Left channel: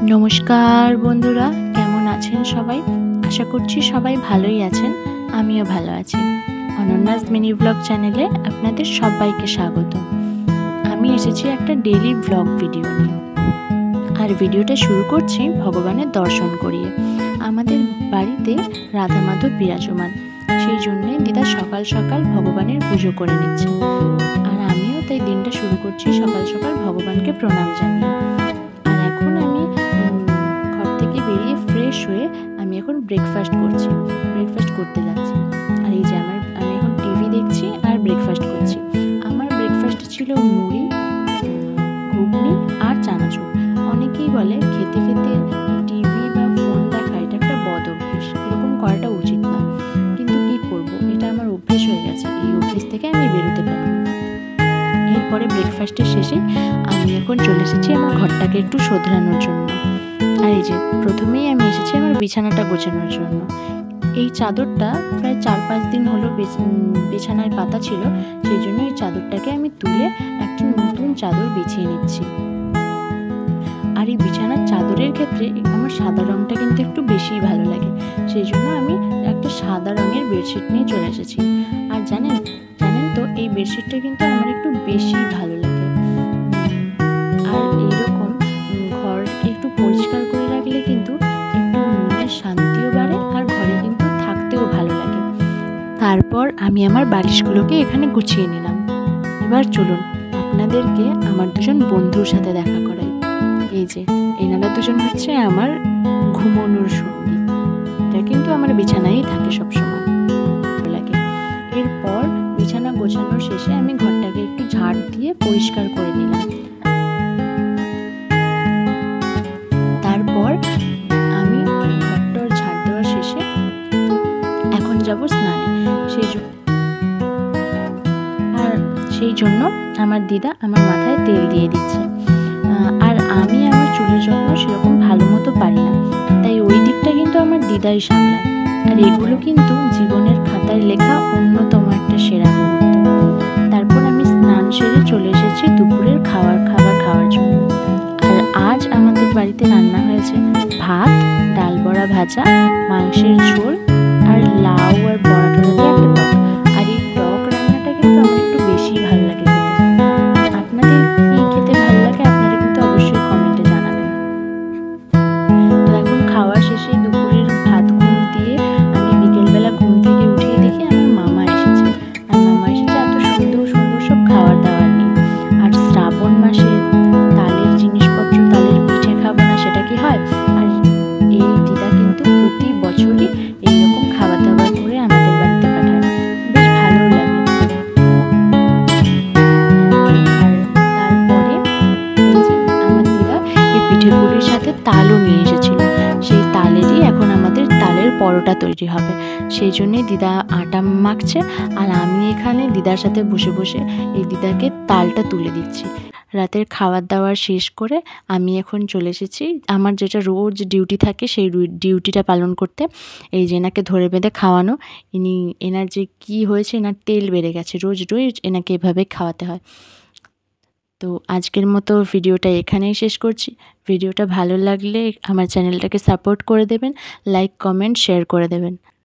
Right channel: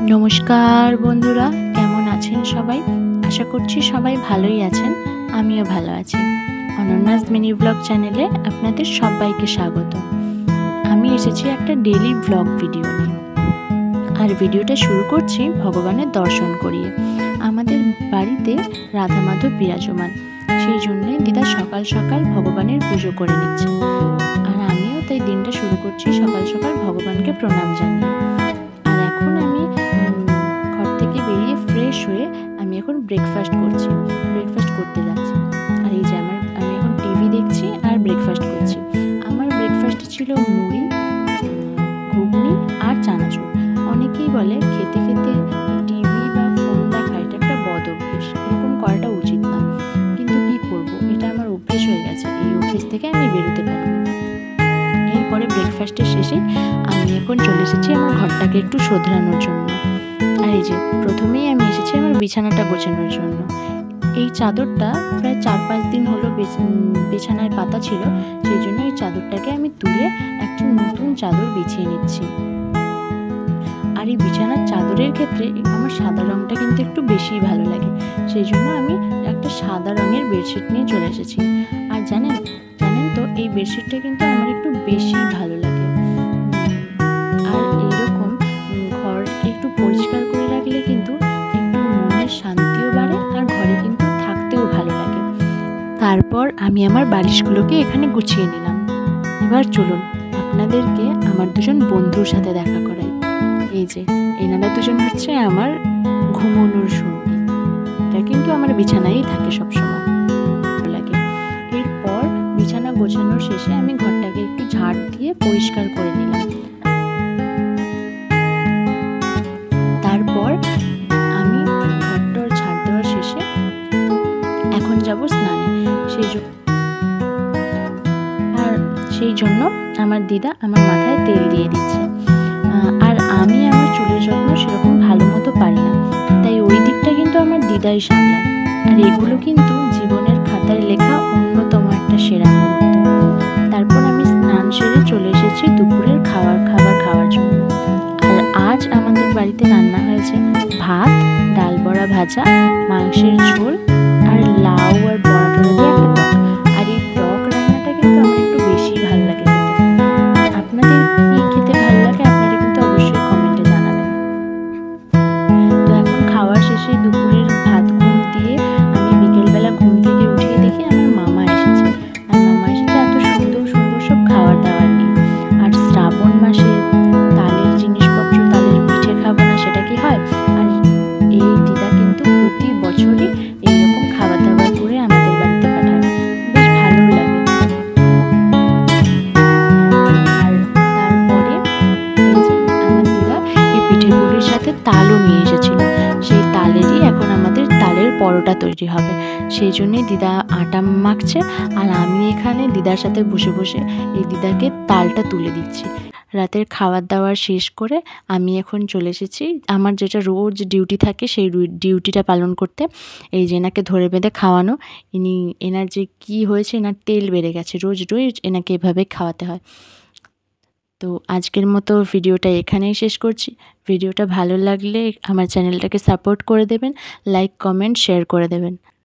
नमस्कार बंधुरा केमन आছেন सबाई आशा करছি सबाई भालोई आছেন आमिও भालो आছি। অনন্যাস মিনি ব্লগ চ্যানেলে আপনাদের সবাইকে স্বাগত। আমি এসেছি একটা ডেইলি ব্লগ ভিডিও নিয়ে। আর ভিডিওটা শুরু করছি ভগবানের দর্শন করিয়ে। আমাদের বাড়িতে রাধা মাধব বিরাজমান, সেই জন্যে দিদা সকাল সকাল ভগবানের পুজো করে নিচ্ছে। আর আমিও তাই দিনটা শুরু করছি সকাল সকাল ভগবানকে প্রণাম জানিয়ে। আর এখন আমি ঘর থেকে বেরিয়ে ফ্রেশ হয়ে আমি এখন ব্রেকফাস্ট করতে যাচ্ছি। আর এই যে আমি এখন টিভি দেখছি আর ব্রেকফাস্ট করছি। আমার ব্রেকফাস্টে ছিল মুড়ি, ঘুগনি আর চানাচুর। অনেকেই বলে খেতে খেতে টিভি বা ফোন দেখা এটা একটা বদ অভ্যেস, এরকম করাটা উচিত নয়, কিন্তু কি করব, এটা আমার অভ্যেস হয়ে গেছে। এই অভ্যেস থেকে আমি বেরোতে পারিনি। এরপরে ব্রেকফাস্টের শেষেই আমি এখন চলে এসেছি আমার ঘরটাকে একটু শোধরানোর জন্য। আর এই যে প্রথমেই আমি এসেছি আমার বিছানাটা গোছানোর জন্য। এই চাদরটা প্রায় 4-5 দিন হলো বিছানায় পাতা ছিল, সেই জন্য এই চাদরটাকে আমি তুলে একটা নতুন চাদর বিছিয়ে নিচ্ছি। আর এই বিছানার চাদরের ক্ষেত্রে আমার সাদা রঙটা কিন্তু একটু বেশিই ভালো লাগে, সেই জন্য আমি একটা সাদা রঙের বেডশিট নিয়ে চলে এসেছি। আর জানেন তো এই বেডশিটটা কিন্তু আমার একটু বেশি ভালো লাগে। আর এইরকম ঘর একটু পরিষ্কার করে রাখলে কিন্তু একটু মনের শান্তিও বাড়ে আর ঘরে কিন্তু থাকতেও ভালো লাগে। তারপর আমি আমার বালিশগুলোকে এখানে গুছিয়ে নিলাম। এবার চলুন আপনাদেরকে আমার দুজন বন্ধুর সাথে দেখা করাই। এই যে এনারা দুজন হচ্ছে আমার ঘুমানোর সঙ্গী। এটা কিন্তু আমার বিছানায়ই থাকে সবসময়, ভালো লাগে। এরপর বিছানা গোছানোর শেষে আমি ঘরটাকে একটু ঝাড় দিয়ে পরিষ্কার করে নিলাম। তারপর আমি ঘরটার ঝাড় দেওয়ার শেষে এখন যাব স্নানে। সেই জন্য আমার দিদা আমার মাথায় তেল দিয়ে দিচ্ছে। আর আমি আমার চুলের যত্ন সেরকম ভালো মতো পারি না, তাই ওই দিকটা কিন্তু আমার দিদাই সামলায়। আর এগুলো কিন্তু জীবনের খাতায় লেখা অন্যতম একটা সেরা মুহূর্ত। তারপর আমি স্নান সেরে চলে এসেছি দুপুরের খাবার খাওয়ার জন্য। আর আজ আমাদের বাড়িতে রান্না হয়েছে ভাত, ডাল বড়া ভাজা, মাংসের ঝোল আর লাউ আর বড়া টড়া দিয়ে একটা টক। আর এই টক রান্নাটা কিন্তু আমার একটু বেশি ভালো লাগে খেতে। আপনাদের কি খেতে ভালো লাগে আপনারা কিন্তু অবশ্যই কমেন্টে জানাবেন। তো এখন খাওয়া শেষে দুপুরের ভাত ঘুম দিয়ে আমি বিকেলবেলা ঘুম থেকে উঠিয়ে দেখি আমার মামা এসেছে। আর মামা এসেছে এত সুন্দর সুন্দর সব খাবার দাবার নিয়ে। আর শ্রাবণ মাসে তালের জিনিসপত্র, তালের পিঠে খাবো না সেটা কি হয়? আর এই দিদা কিন্তু প্রতি বছরই এইরকম খাবার দাবার করে আমাদের বাড়িতে পাঠায়, বেশ ভালো লাগে করে। আর তারপরে এই যে আমার দিদা এই পিঠে পুলির সাথে তালও নিয়ে এসেছিল, সেই তালেরই এখন আমাদের তালের পরোটা তৈরি হবে। সেই জন্যই দিদা আটা মাখছে আর আমি এখানে দিদার সাথে বসে বসে এই দিদাকে তালটা তুলে দিচ্ছি। রাতের খাবার দাবার শেষ করে আমি এখন চলে এসেছি আমার যেটা রোজ ডিউটি থাকে সেই ডিউটিটা পালন করতে। এই যে এনাকে ধরে বেঁধে খাওয়ানো। এনার যে কী হয়েছে, এনার তেল বেড়ে গেছে, রোজ এনাকে এভাবে খাওয়াতে হয়। তো আজকের মতো ভিডিওটা এখানেই শেষ করছি। ভিডিওটা ভালো লাগলে আমার চ্যানেলটাকে সাপোর্ট করে দেবেন, লাইক কমেন্ট শেয়ার করে দেবেন।